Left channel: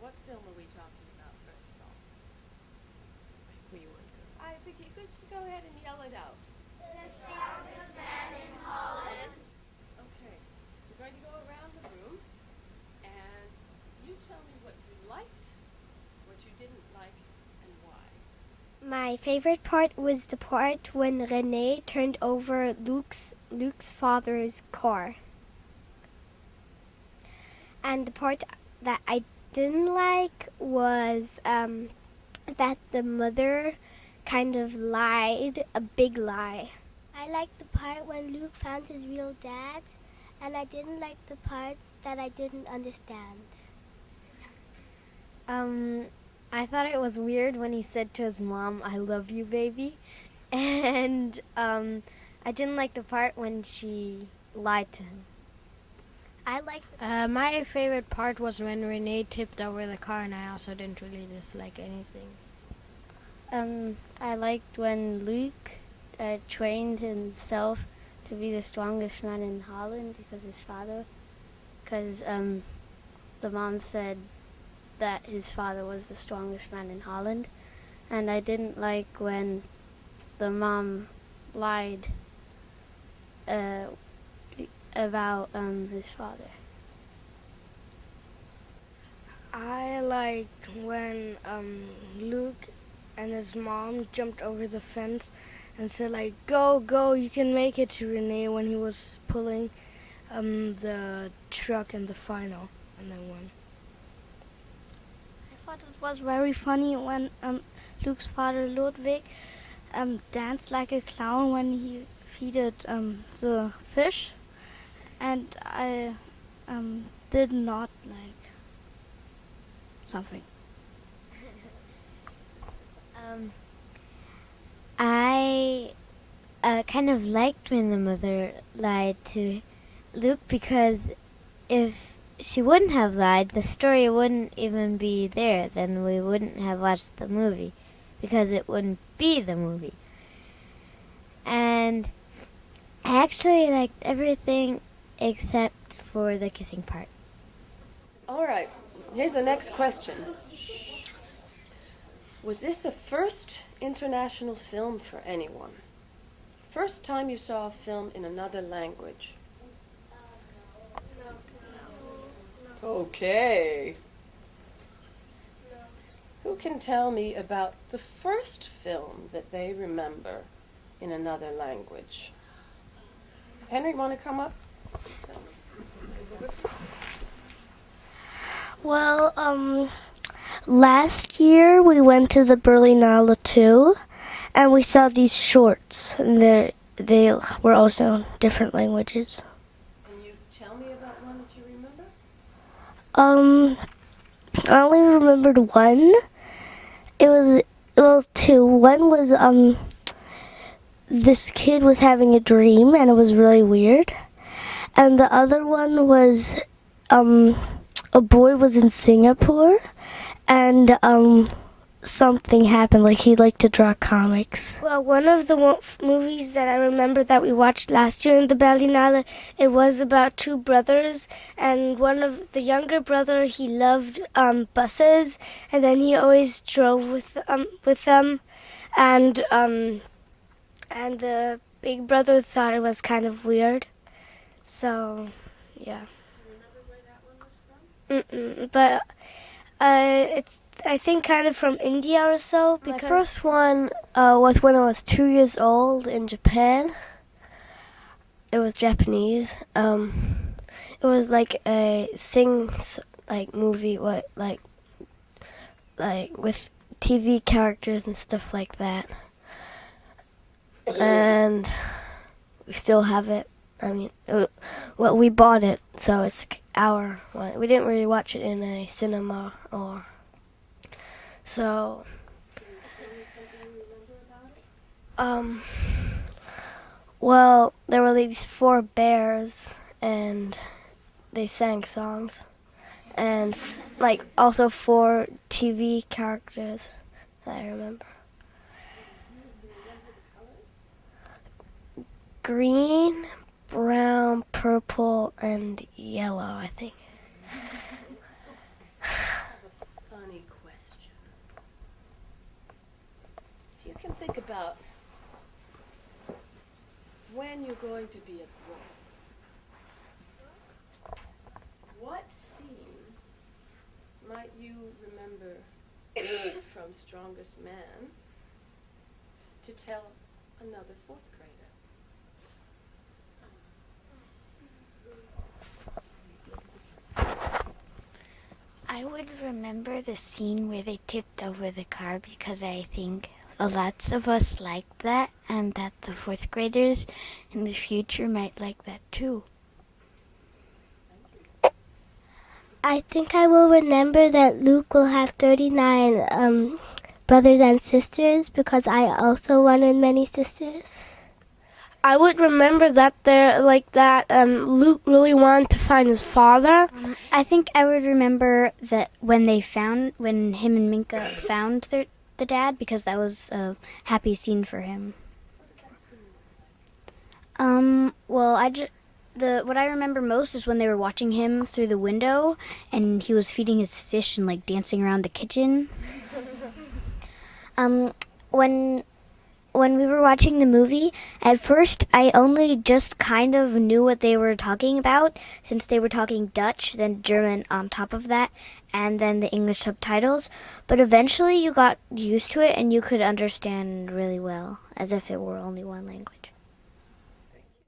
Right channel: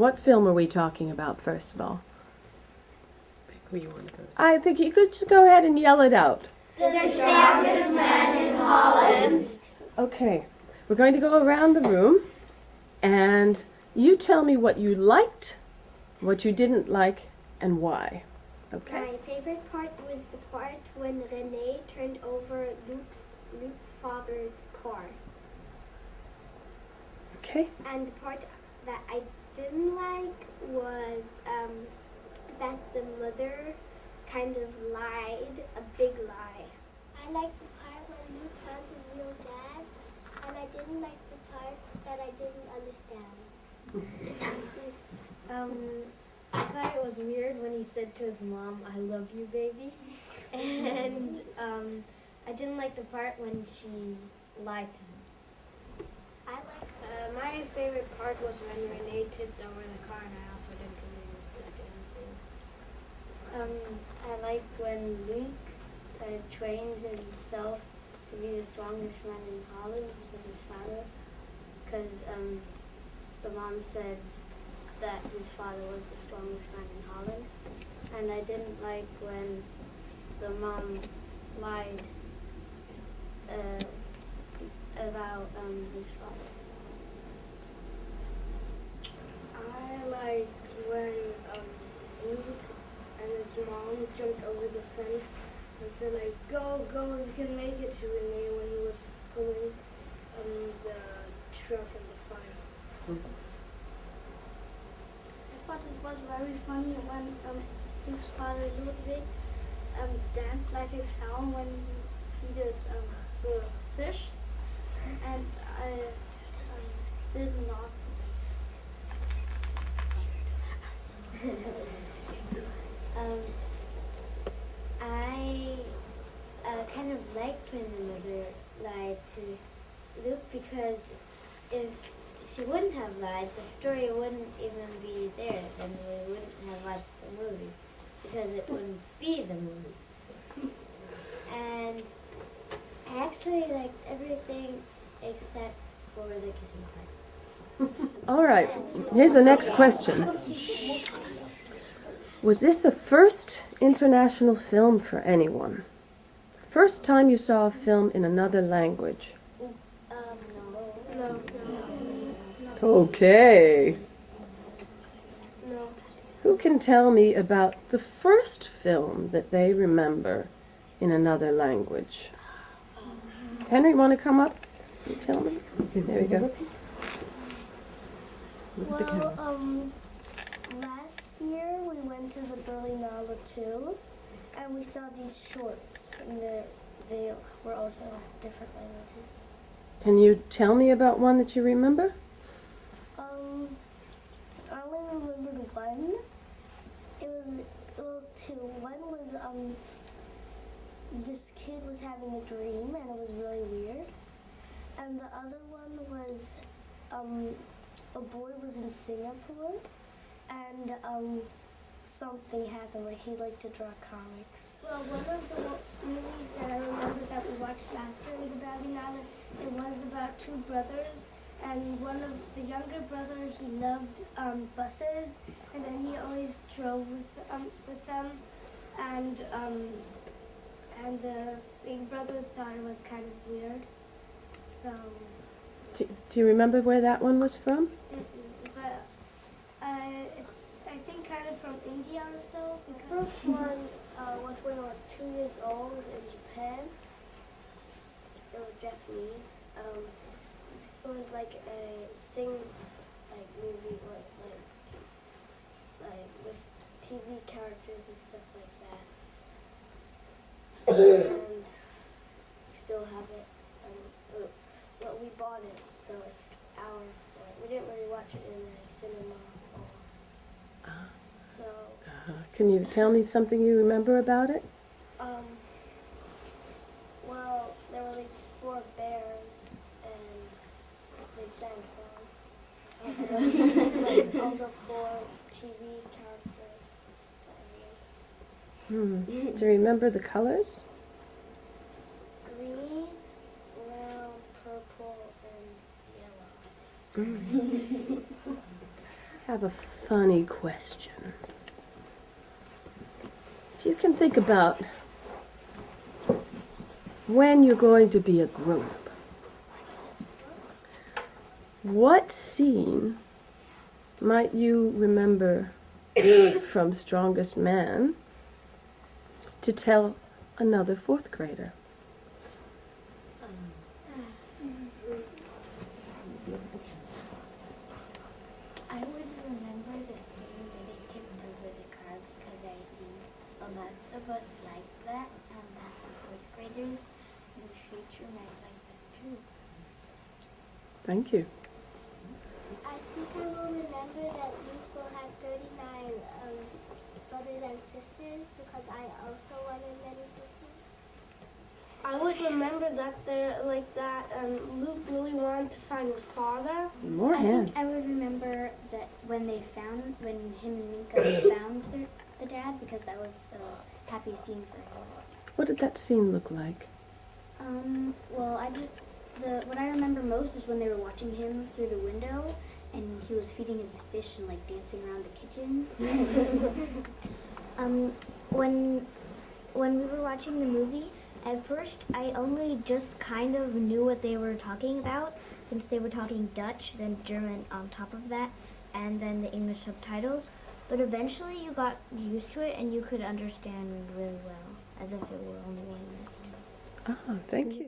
What film are we talking about, first of all? I think you could just go ahead and yell it out. The Strongest Man in Holland. Okay, we're going to go around the room, and you tell me what you liked, what you didn't like, and why. Okay. My favorite part was the part when Renee turned over Luke's father's car. Okay. And the part that I didn't like was that the mother kind of lied, a big lie. I liked the part when Luke found his real dad, and I didn't like the parts that I didn't understand. I thought it was weird when he said to his mom, "I love you, baby." And I didn't like the part when she lied to him. I liked my favorite part was when Renee tipped over the car, and I also didn't really dislike anything. I liked when Luke trained himself to be the strongest man in Holland because the mom said that his father was the strongest man in Holland, and I didn't like when the mom lied about his father. I liked when Luke and his mom jumped over the fence and said, like, go, you can make it, to Renee when he was pulling the truck in the final. I thought it was very funny when Luke's father Ludwig danced like a clown when he feeded the fish, and I did not like something. I kind of liked when the mother lied to Luke, because if she wouldn't have lied, the story wouldn't even be there. Then we wouldn't have watched the movie, because it wouldn't be the movie. And I actually liked everything except for the kissing part. All right, here's the next question. Was this a first international film for anyone? First time you saw a film in another language? No. Okay. Who can tell me about the first film that they remember in another language? Henry, want to come up and tell me? There you go. Well, last year we went to the Berlinale 2, and we saw these shorts, and they were also in different languages. Can you tell me about one that you remember? I only remembered one. It was two. One was this kid was having a dream, and it was really weird. And the other one was a boy was in Singapore, and something happened, like he liked to draw comics. Well, one of the movies that I remember that we watched last year in the Berlinale, it was about two brothers, and one of the younger brother, he loved buses, and then he always drove with them, and the big brother thought it was kind of weird, so yeah. Do you remember where that one was from? But it's, I think, kind of from India or so. My first one was when I was 2 years old in Japan. It was Japanese. It was like a movie, with TV characters and stuff like that. And we still have it. I mean, we bought it, so it's our one. We didn't really watch it in a cinema or so. Can you tell me something you remember about it? Well, there were these 4 bears, and they sang songs, and also 4 TV characters that I remember. Do you remember the colors? Green, brown, purple, and yellow, I think. have a funny question. If you can think about when you're going to be a grown-up, what scene might you remember from Strongest Man to tell another fourth grader? I would remember the scene where they tipped over the car because I think lots of us liked that, and that the fourth graders in the future might like that too. Thank you. I think I will remember that Luke will have 39 brothers and sisters because I also wanted many sisters. I would remember that Luke really wanted to find his father. I think I would remember that when him and Minka found the dad, because that was a happy scene for him. What did that scene look like? Well, what I remember most is when they were watching him through the window, and he was feeding his fish and like dancing around the kitchen. When we were watching the movie, at first I only just kind of knew what they were talking about, since they were talking Dutch, then German on top of that, and then the English subtitles. But eventually you got used to it and you could understand really well, as if it were only one language. Ah, thank you.